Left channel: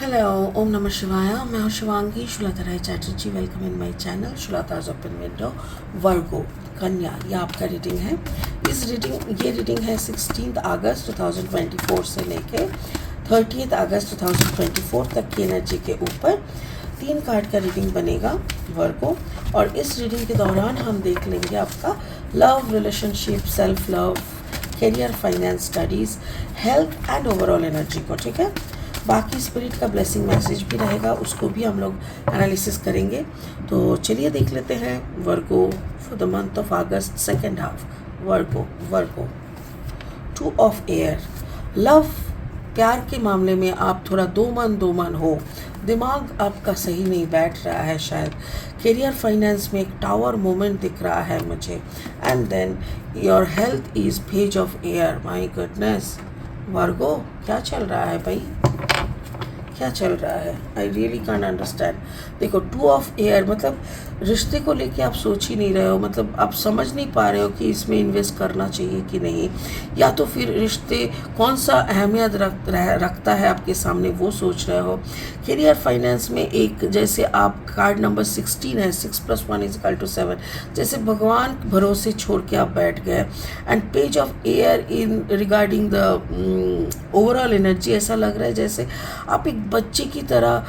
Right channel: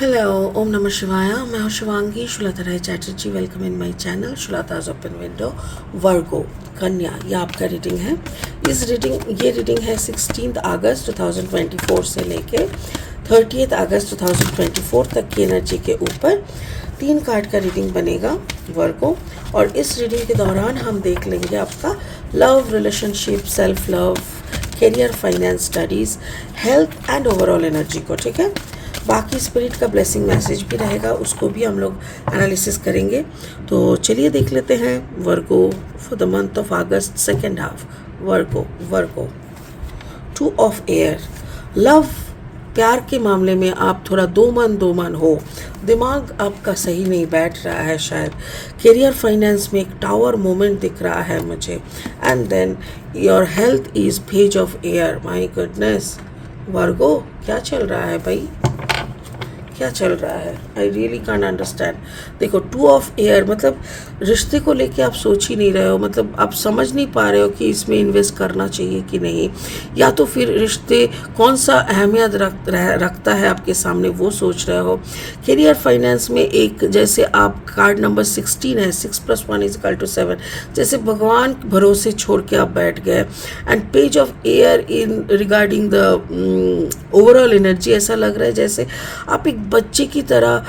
Hello, ओम नमः शिवाय। मैं हूँ Shivangi Shulta Rai Chatterjee. Welcome in my channel Shulta's open window. Virgo कन्या, ये आपका रीडिंग है। ये रीडिंग है 16 अगस्त 2024 से लेके 30 अगस्त 2024 तक की एनर्जी के ऊपर 3 कार्ड का रीडिंग बनेगा वर्गो। और इस रीडिंग के दौरान हम देख लेंगे आपका love, relationship, self love, career, finance, studies, health and overall energy को। ठीक है, बाकी स्पिरिट का ब्लेसिंग मैसेज भी रहेगा, उसको भी हम लोग एनालिसिस करेंगे। तो चलिए देख लेते हैं Virgo for the month of August second half. Virgo 2 of air. Love, प्यार के मामले में आप थोड़ा दो मन हो, दिमाग आपका सही नहीं बैठ रहा है शायद। करियर, फाइनेंस में एक टावर मोमेंट दिख रहा है मुझे। And then your health is page of air. My goodness Virgo, क्या चल रहा है भाई, क्या चल रहा है? I really can't understand. देखो 2 ऑफ एयर मतलब रिश्ते को लेके आप सोच ही नहीं रहे हो, मतलब आप समझ नहीं पा रहे हो कि इसमें इन्वेस्ट करना चाहिए कि नहीं, या तो फिर रिश्ते कौन सा अहमियत रखता है आपके सामने वो सोच रहे हो। करियर, फाइनेंस में एक जैसे आप कार्ड नंबर 16 है, 6 + 1 = 7, जैसे भगवान भरोसे छोड़ के आप बैठ गए। And page of air in regarding the overall energy, ऐसा लग रहा है जैसे आप एक बच्चे की तरह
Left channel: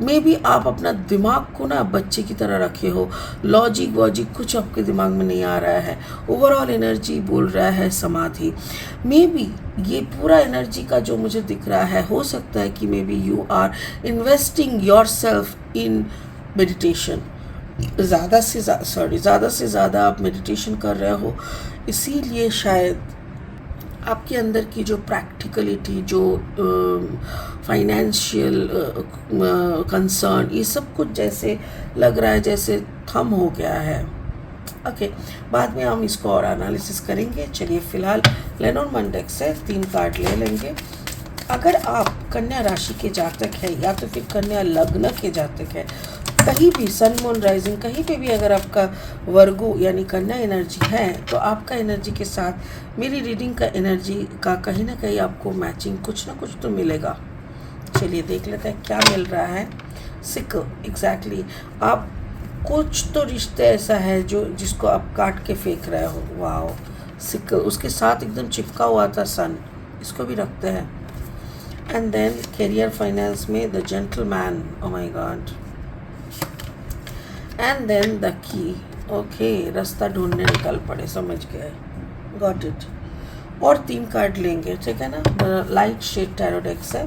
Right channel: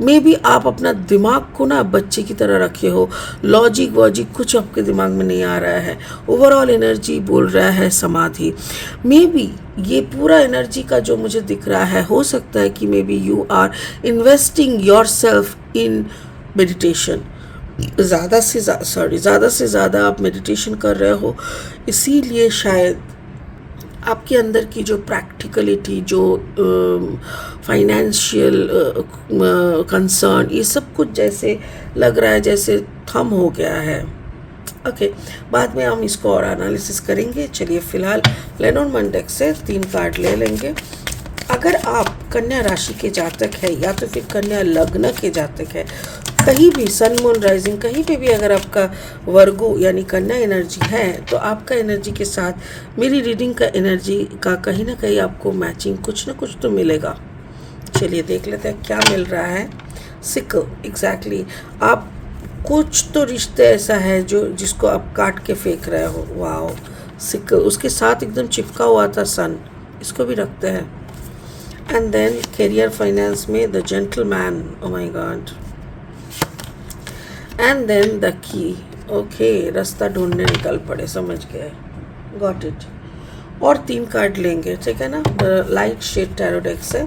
मे बी आप अपना दिमाग को ना बच्चे की तरह रखे हो। लॉजिक वॉजिक कुछ आपके दिमाग में नहीं आ रहा है। ओवरऑल एनर्जी बोल रहा है समाधि। मे बी ये पूरा एनर्जी का जो मुझे दिख रहा है, हो सकता है कि may be you are investing yourself in meditation. ज़्यादा से ज़्यादा आप मेडिटेशन कर रहे हो, इसीलिए शायद आपके अंदर की जो प्रैक्टिकलिटी, जो फाइनेंशियल कंसर्न, ये सब कुछ जैसे लग रहा है जैसे थम हो गया है। ओके, बाद में हम इसको और एनालिसिस करेंगे। चलिए फिलहाल लेनॉर्मन डेक से 3 कार्ड ले लेंगे। अगर आप कन्या राशि के जातक है या तो फिर कन्या लग्न के जातक है, कहीं भी सन मून राइजिंग कहीं पे भी अगर आपका वर्गो यानी कन्या एनर्जी है, तो आपका एनर्जी के साथ मेरी रीडिंग का एनर्जी का कहीं ना कहीं आपको मैचिंग कुछ ना कुछ तो मिलेगा। चलिए देख लेते हैं क्या मिल रहा है। सिक, एग्जैक्टली आप कुछ तो रिश्ते ऐसा है जो जिसको आप काट के फेंक रहे हो। वाओ, सिक, उसके साथ एकदम चिपका हुआ था सन, इसको भी रखते हैं। एंड देन करियर, फाइनेंस में the gentleman, oh my god. And then the key. Okay, रास्ता ढूंढने निकल पड़े, समझ गए, गॉट इट। और 3 कार्ड लेंगे, ठीक है ना, लाइट शेड टैरो डेक से।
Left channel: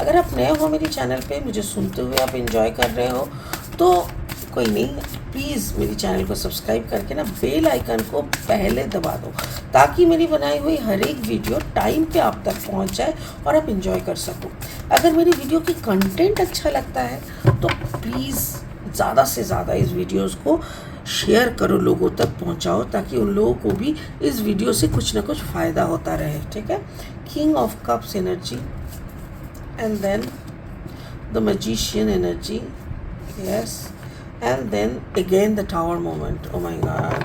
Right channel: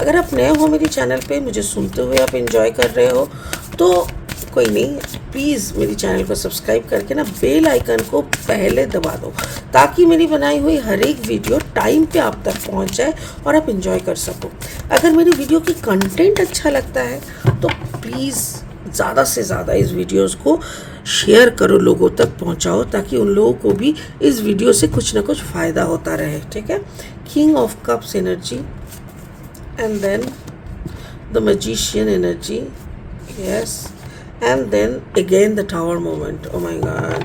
अगर आप नए हो मेरी चैनल पे, मुझे सुनते हुए आप एंजॉय कर रहे हो, तो कोई नहीं, प्लीज़ मेरी चैनल को सब्सक्राइब करके ना बेल आइकन को पहले दबा दो, ताकि मेरी बनाई हुई हर एक वीडियो टाइम पे आप तक पहुंच जाए और आप एंजॉय कर सको। अगर मेरी वीडियो की कंटेंट अच्छा लगता है तो प्लीज़ ज़्यादा से ज़्यादा इस वीडियोस को शेयर करो, लोगों तक पहुंचाओ, ताकि उन लोगों को भी इस वीडियो से कुछ ना कुछ फ़ायदा होता रहे। ठीक है, king of cups energy and then the magician energy, yes, and then again the tower moment. Oh my god,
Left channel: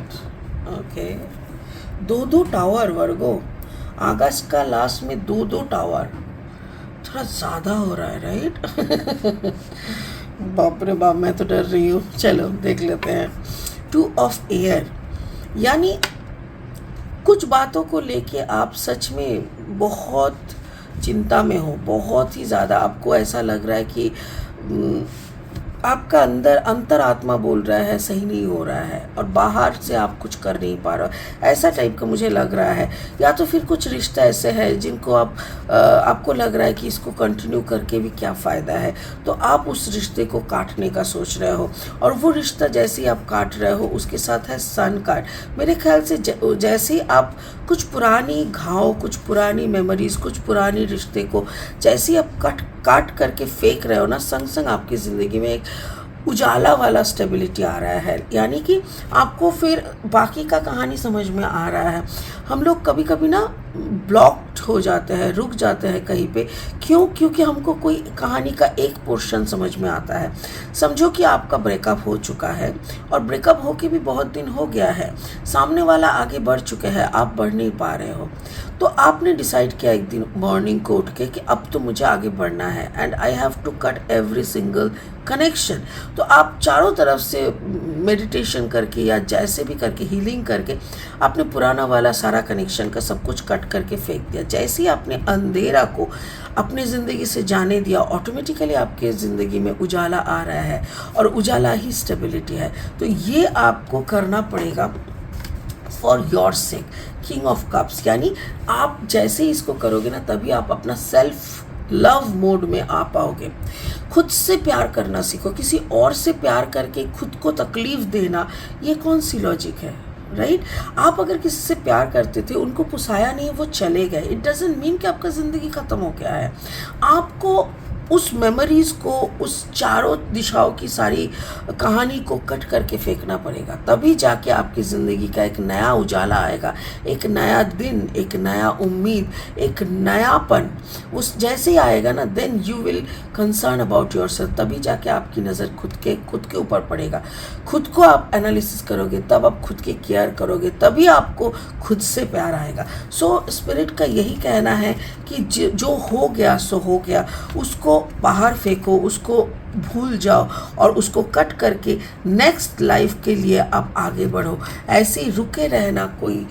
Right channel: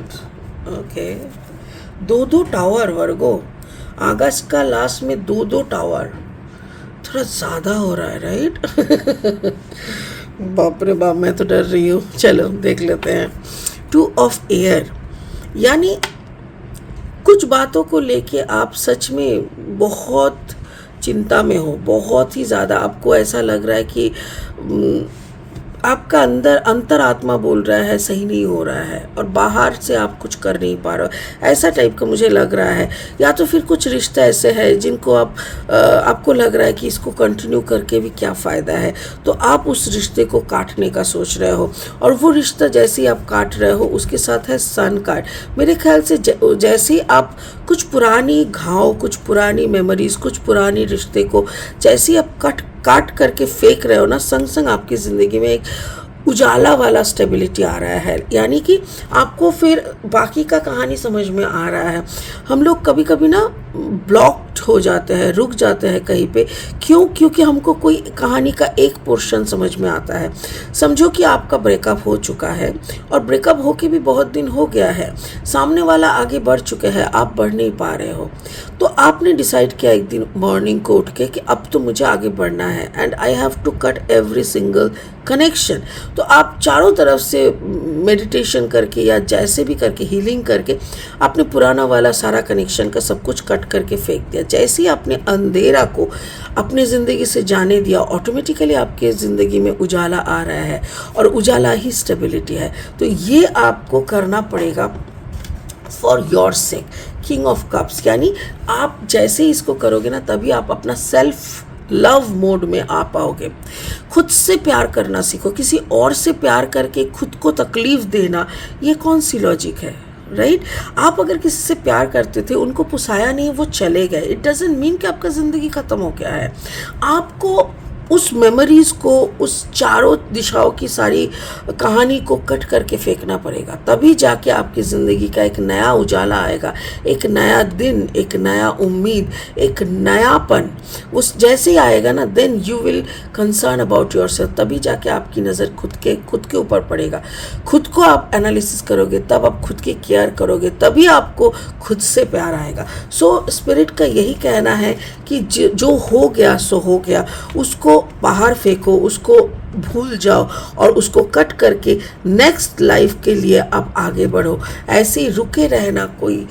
okay, 2 tower Virgo, अगस्त का लास्ट में 2 टावर, थोड़ा ज़्यादा हो रहा है, राइट? बाप रे बाप, मैं तो डर रही हूँ। चलो देख लेते हैं। 2 ऑफ एयर, यानी कुछ बातों को लेके आप सच में बहुत चिंता में हो, बहुत ही ज़्यादा। आपको ऐसा लग रहा है कि आपका अंतरात्मा बोल रहा है सही नहीं हो रहा है, और बाहर से आप कुछ कर नहीं पा रहे हो, ऐसा टाइप का मुझे लग रहा है। या तो फिर कुछ रिश्ते ऐसे हैं जिनको आपको लग रहा है कि इसको कंटिन्यू करके भी क्या फ़ायदा है, तो आप उस रिश्ते को काटने का सोच रहे हो। और वो रिश्ता जैसे ही आप काट रहे हो, उसके साथ है सन कार्ड। मेरे ख्याल से जैसे ही आप कुछ पुरानी घाव, कुछ पुरानी मेमोरीज, कुछ पुरानी रिश्ते को जैसे ही आप काट करके फेंक रहे हो ना, संग संग आपकी ज़िंदगी में एक उजाला वाला स्टेबिलिटी आ रहा है, यानी कि आपको फिर बाकी का कहानी समझ में आ रहा है। हम लोग कभी कभी ना ब्लॉक्ड हो जाते हैं, रुक जाते हैं कहीं पे। क्यों? क्योंकि हमको कोई कहानी का एक पोर्शन समझ में आता है। समझो कि आपका ब्रेकअप हो चुका है और ब्रेकअप होके भी बहुत दिन हो गया है, सामने वाला आगे बढ़ चुके हैं, आप बढ़ नहीं पा रहे हो। तो आपने डिसाइड किया एक दिन मॉर्निंग को उठ के कि अब तो मुझे आगे बढ़ना है and I have to cut every single connection. तो आप चारों तरफ से मेडिटेशन करके या जैसे भी करके, हीलिंग करके, आपने पुराना वाला सारा कनेक्शन का सब कुछ कट करके फेंक दिया। जैसे ही आपने अंधेरा को अपनी ज़िंदगी से जाने दिया, ऑटोमेटिकली आपके ज़िंदगी में उजाला आ रहा है और उजाला ही स्टेबिलिटी है। तो ये आपको करना पड़ेगा for your sake. King of cups, यानी आप जैसे ही इसको करोगे ना, तभी आप अपना सेल्फ लव मोड में आ पाओगे। खुद से प्यार करना सीखो। किसी और से प्यार करके खुद को तकलीफ देना, ये कौन सी लॉजिक है, राइट? आप अगर किसी से प्यार करते थे, उनको पुसाया नहीं, वो चले गए, इट डजंट मीन कि आपका ज़िंदगी ख़त्म हो गया है। आपको उस मेमोरीज़ को, उस चारों दिशाओं की सारी कहानी को कट करके फेंकना पड़ेगा, तभी जाके आपकी ज़िंदगी का एक नया उजाला आएगा, एक नया दिन, एक नया उम्मीद, एक नयापन। उस जैसे ही आएगा ना, then you will concern about yourself. तभी जाके आपकी नज़र खुद के ऊपर पड़ेगा। खुद को आप एनालिसिस करोगे, तब आप खुद की केयर करोगे, तभी आपको खुद से प्यार आएगा। सो स्पिरिट का यही कहना है कि जो हो गया सो हो गया, उसको बाहर फेंको, उसको भूल जाओ और उसको कट करके नेक्स्ट लाइफ के लिए आप आगे बढ़ो। ऐसे ही रुके रहना कोई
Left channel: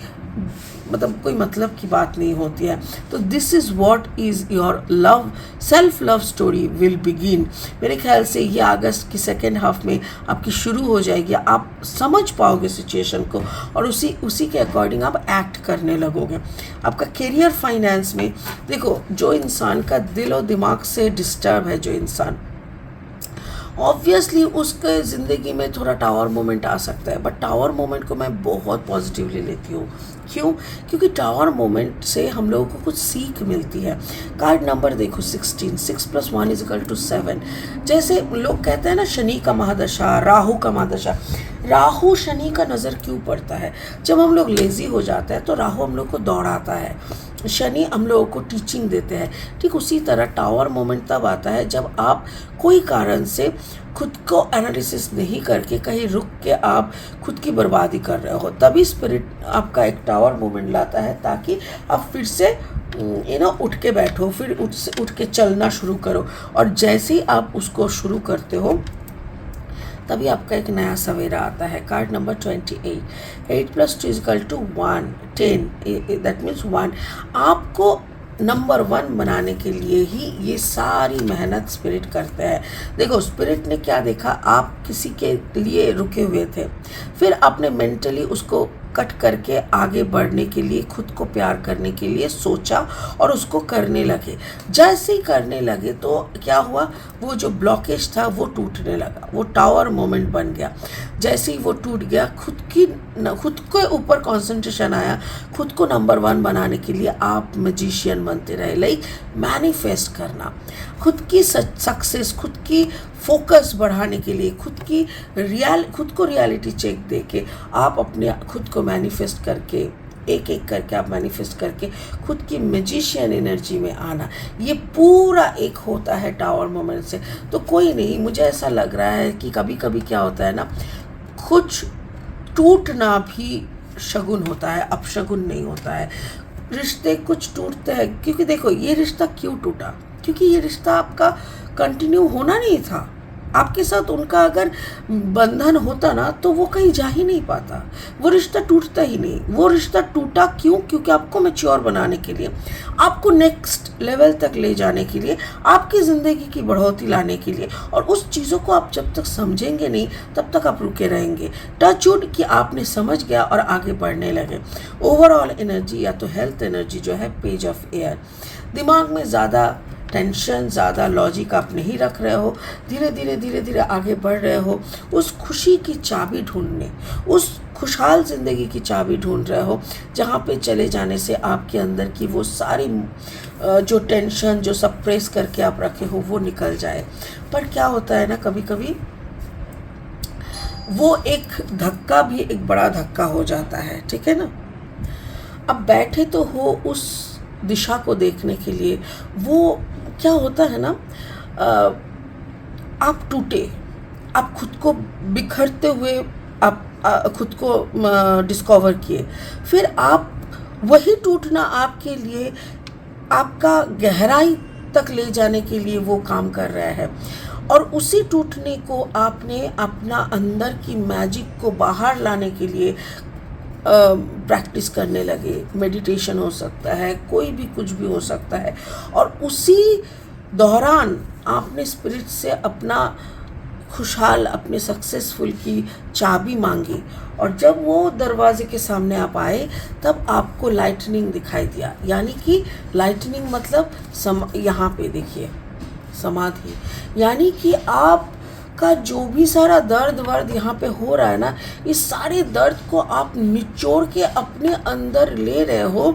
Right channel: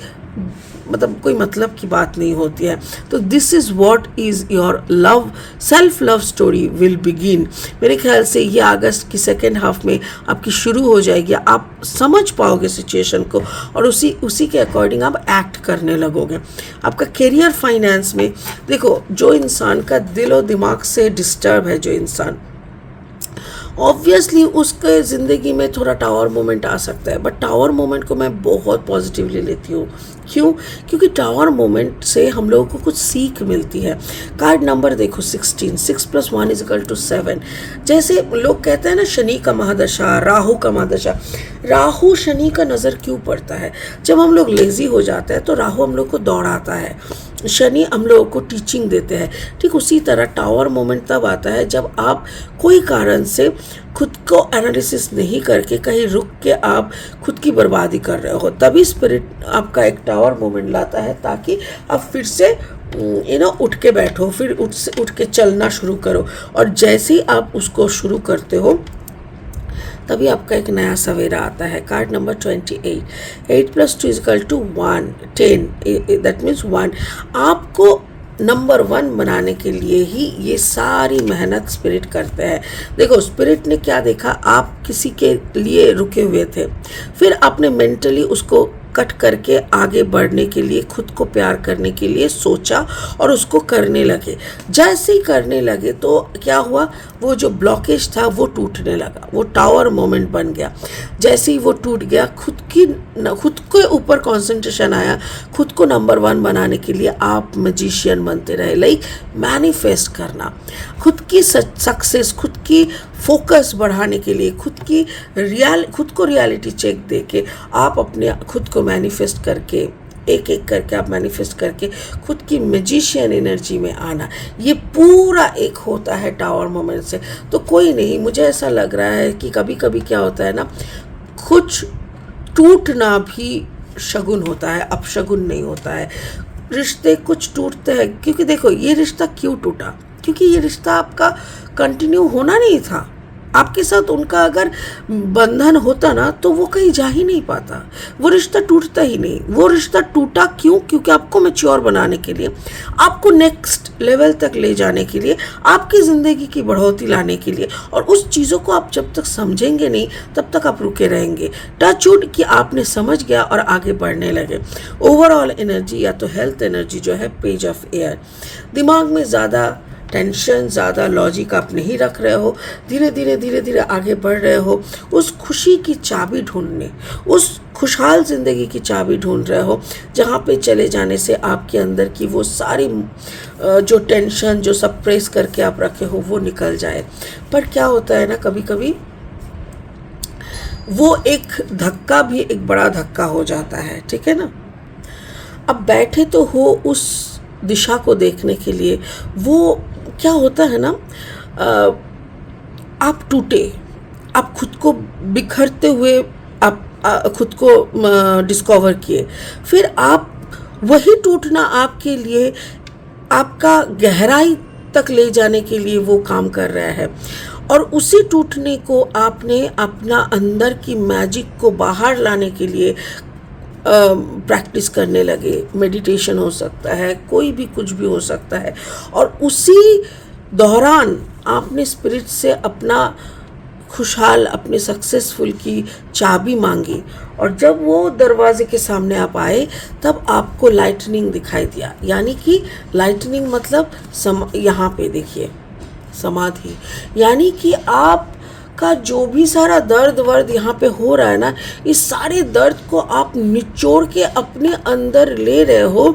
मतलब की बात नहीं होती है। तो this is what is your love, self love story will begin. मेरे ख्याल से ये अगस्त की सेकेंड हाफ में आपकी शुरू हो जाएगी। आप समझ पाओगे सिचुएशन को और उसी के अकॉर्डिंग आप एक्ट करने लगोगे। आपका करियर, फाइनेंस में देखो, जो इंसान का दिल और दिमाग से डिस्टर्ब है, जो इंसान, ऑब्वियसली उसके ज़िंदगी में थोड़ा टावर मोमेंट आ सकता है, बट टावर मोमेंट को मैं बहुत पॉजिटिवली लेती हूँ। क्यों? क्योंकि टावर मोमेंट से हम लोगों को कुछ सीख मिलती है। कार्ड नंबर देखो 16, 6 + 1 = 7। जैसे लोग कहते हैं ना, शनि का महादशा, राहु का महादशा। राहु शनि का नज़र क्यों पड़ता है? जब हम लोग लेज़ी हो जाते हैं तो राहु हम लोग को दौड़ाता है, शनि हम लोगों को टीचिंग देते हैं। ठीक उसी तरह टावर मोमेंट तब आता है जब आप कोई कारण से खुद को एनालिसिस नहीं करके कहीं रुक के आप खुद की बर्बादी कर रहे हो, तभी स्पिरिट आपका एक टावर मोमेंट लाता है, ताकि आप फिर से उठ के बैठो, फिर उठ के चलना शुरू करो। और जैसे ही आप उसको शुरू करते हो, तभी आपका एक नया सवेरा आता है। Card number 28, 8 + 2 = 1, 10, that means 1। आपको नंबर 1 बनाने के लिए ही ये सारी मेहनत स्पिरिट करते हैं। देखो, स्पिरिट ने क्या देखा, आप किसी के लिए रुके हुए थे, फिर आपने मेंटली उसको कट करके आगे बढ़ने के लिए, खुद को प्यार करने के लिए सोचा और उसको करने लगे। जैसे ही करने लगे तो क्या हुआ, वो जो ब्लॉकेज था वो टूटने लगा, वो टावर मोमेंट बन गया। जैसे ही वो टूट गया, खुद के ऊपर कंसंट्रेशन आया, खुद को नंबर 1 बनाने के लिए आप मैजिशियन बनते रहे। लाइक मैनिफेस्ट करना, खुद की सक्सेस, खुद की फोकस बढ़ाने के लिए, खुद को रियलिटी चेक दे के आप अपने खुद को मैनिफेस्ट करके, एक एक करके आप मैनिफेस्ट करके खुद की मैजिशियन एनर्जी में आना, ये पूरा एक होता है टावर मोमेंट से। तो कोई नहीं, मुझे ऐसा लग रहा है कि कभी कभी क्या होता है ना, कुछ टूटना भी शगुन होता है, अपशगुन नहीं होता है। रिश्ते कुछ टूटते हैं, क्योंकि देखो ये रिश्ता क्यों टूटा, क्योंकि ये रिश्ता आपका कंटिन्यू होना नहीं था। आपके साथ उनका अगर बंधन होता ना, तो वो कहीं जा ही नहीं पाता, वो रिश्ता टूटता ही नहीं। वो रिश्ता टूटा क्यों? क्योंकि आपको मैच्योर बनाने के लिए, आपको नेक्स्ट लेवल तक ले जाने के लिए, आपकी ज़िंदगी की बढ़ोतरी लाने के लिए। और उस चीज़ों को आप जब तक समझेंगे नहीं, तब तक आप रुके रहेंगे। टच वुड कि आपने समझ गया और आगे बढ़ने लगे। ओवरऑल एनर्जी या तो हेल्थ एनर्जी जो है, पेज ऑफ एयर। दिमाग में ज़्यादा टेंशन, ज़्यादा लॉजिक आप नहीं रख रहे हो, धीरे धीरे आगे बढ़ रहे हो। उस खुशी की चाबी ढूंढने, उस खुशहाल ज़िंदगी की चाबी ढूंढ रहे हो, जहाँ पे चले जाने से आपके अंदर की वो सारी जो टेंशन, जो सप्रेस करके आप रखे हो, वो निकल जाए। पर क्या होता है ना, कभी कभी वो एक धक्का भी एक बड़ा धक्का हो जाता है, ठीक है ना। अब बैठे तो हो उस दिशा को देखने के लिए। वो क्या होता है ना, आप टूटे, आप खुद को बिखरते हुए आप खुद को डिस्कवर किए, फिर आप वही टूटना आपके लिए, आपका गहराई तक ले जाने के लिए वो काम कर रहा है। और उसी टूटने को आपने अपना अंदर की मैजिक को बाहर लाने के लिए प्रैक्टिस करने लगे। मेडिटेशन हो सकता है, कोई भी कुछ भी हो सकता है। और उसी दौरान आपने स्पिरिट से अपना खुशहाल, अपने सक्सेसफुल की चाबी मांगी, और जब वो दरवाजे के सामने आप आए तब आपको लाइटनिंग दिखाई दिया। यानी कि लाइटनिंग मतलब यहाँ पे देखिए समाधि, यानी कि आपका जो भी सारा दर्द वर्द यहाँ पे हो रहा है ना, इस सारे दर्द को आप निचोड़ के अपने अंदर ले रहे हो,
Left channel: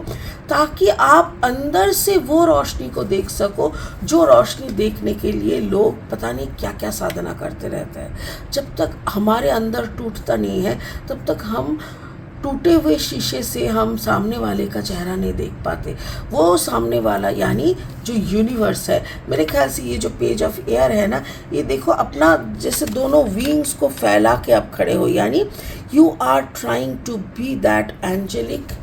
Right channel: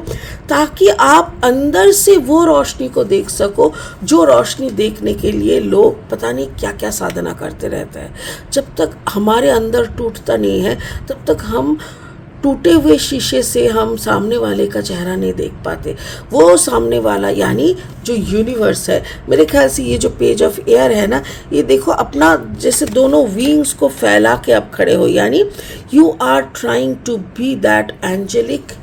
ताकि आप अंदर से वो रोशनी को देख सको, जो रोशनी देखने के लिए लोग पता नहीं क्या क्या साधना करते रहते हैं। जब तक हमारे अंदर टूटता नहीं है, तब तक हम टूटे हुए शीशे से हम सामने वाले का चेहरा नहीं देख पाते। वो सामने वाला यानी जो यूनिवर्स है, मेरे ख्याल से ये जो पेज ऑफ एयर है ना, ये देखो अपना जैसे दोनों विंग्स को फैला के आप खड़े हो, यानी you are trying to be that angelic,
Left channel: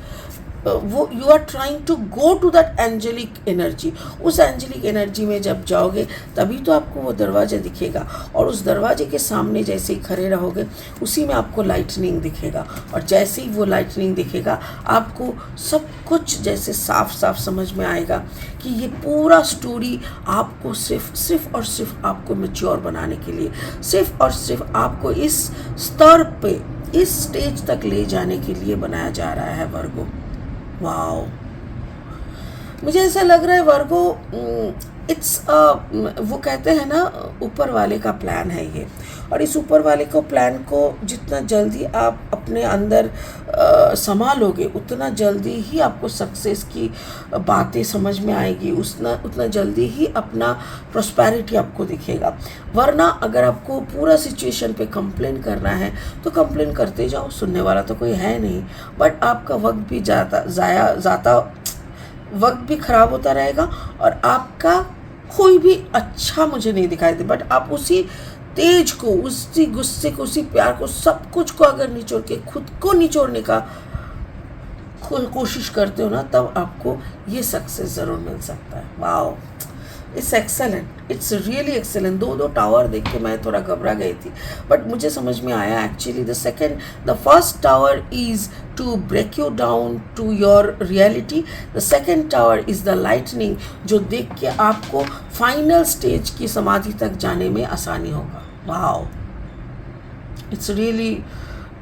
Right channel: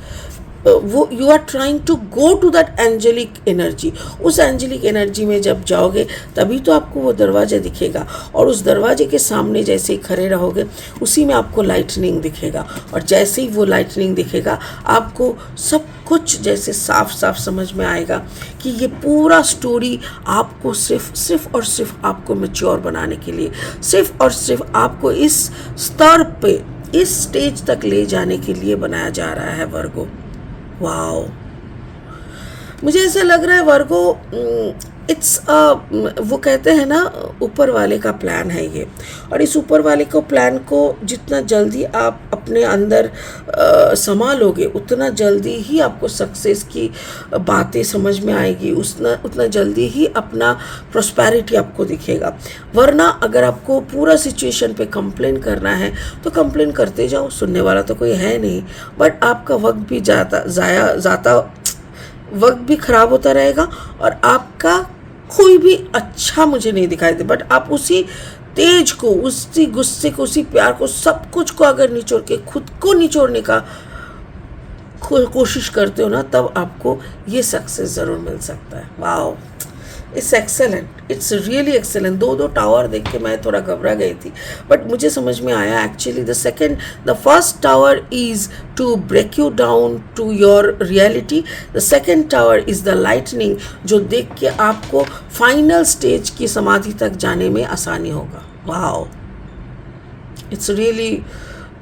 वो you are trying to go to that angelic energy. उस एंजेलिक एनर्जी में जब जाओगे तभी तो आपको वो दरवाज़ा दिखेगा, और उस दरवाजे के सामने जैसे ही खड़े रहोगे उसी में आपको लाइटनिंग दिखेगा, और जैसे ही वो लाइटनिंग दिखेगा आपको सब कुछ जैसे साफ साफ समझ में आएगा कि ये पूरा स्टोरी आपको सिर्फ और सिर्फ आपको मैच्योर बनाने के लिए, सिर्फ और सिर्फ आपको इस स्तर पे, इस स्टेज तक ले जाने के लिए बनाया जा रहा है वर्गो। वाओ, मुझे ऐसा लग रहा है वर्गो, इट्स वो कहते हैं ना ऊपर वाले का प्लान है ये, और इस ऊपर वाले को प्लान को जितना जल्दी आप अपने अंदर संभालोगे, उतना जल्दी ही आपको सक्सेस की बातें समझ में आएगी, उतना जल्दी ही अपना प्रोस्पेरिटी आपको दिखेगा। वरना अगर आपको पूरा सिचुएशन पे कंप्लेन करना है तो कंप्लेन करते जाओ, सुनने वाला तो कोई है नहीं, बट आपका वक्त भी जाता वक्त भी खराब होता रहेगा, और आपका कोई भी अच्छा मुझे नहीं दिखाई दे। बट आप उसी तेज को, उसी गुस्से को, उसी प्यार को, सब कुछ को अगर निचोड़ के खुद को निचोड़ने का कोशिश करते हो ना, तब आपको ये सक्सेस ज़रूर मिल सकता है। Wow, it's excellent, it's really excellent. दो टावर देख के मैं थोड़ा घबरा गई थी, बट मुझे समझ में आया actually the first tower is to break you down to your reality, the second tower is the lightning, जो देख के आपको फाइनल स्टेज की समाधि तक जाने में आसानी होगा। Wow, it's really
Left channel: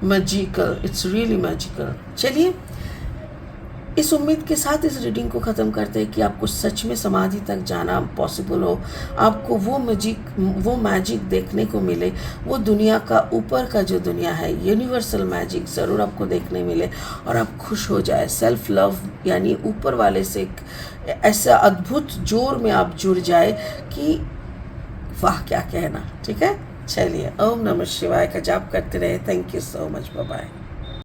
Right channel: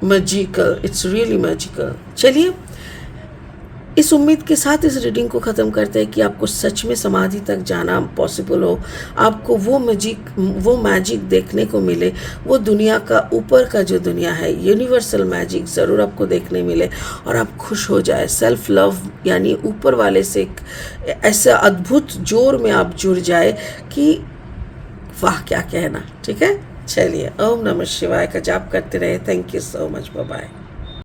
magical, it's really magical. चलिए, इस उम्मीद के साथ इस रीडिंग को ख़त्म करते हैं कि आपको सच में समाधि तक जाना पॉसिबल हो, आपको वो मैजिक देखने को मिले, वो दुनिया का ऊपर का जो दुनिया है, यूनिवर्सल मैजिक ज़रूर आपको देखने मिले, और आप खुश हो जाए। सेल्फ लव यानी ऊपर वाले से ऐसा अद्भुत जोर में आप जुड़ जाए कि वाह क्या कहना। ठीक है, चलिए, ओम नमः शिवाय का जाप करते रहे। Thank you so much, bye bye.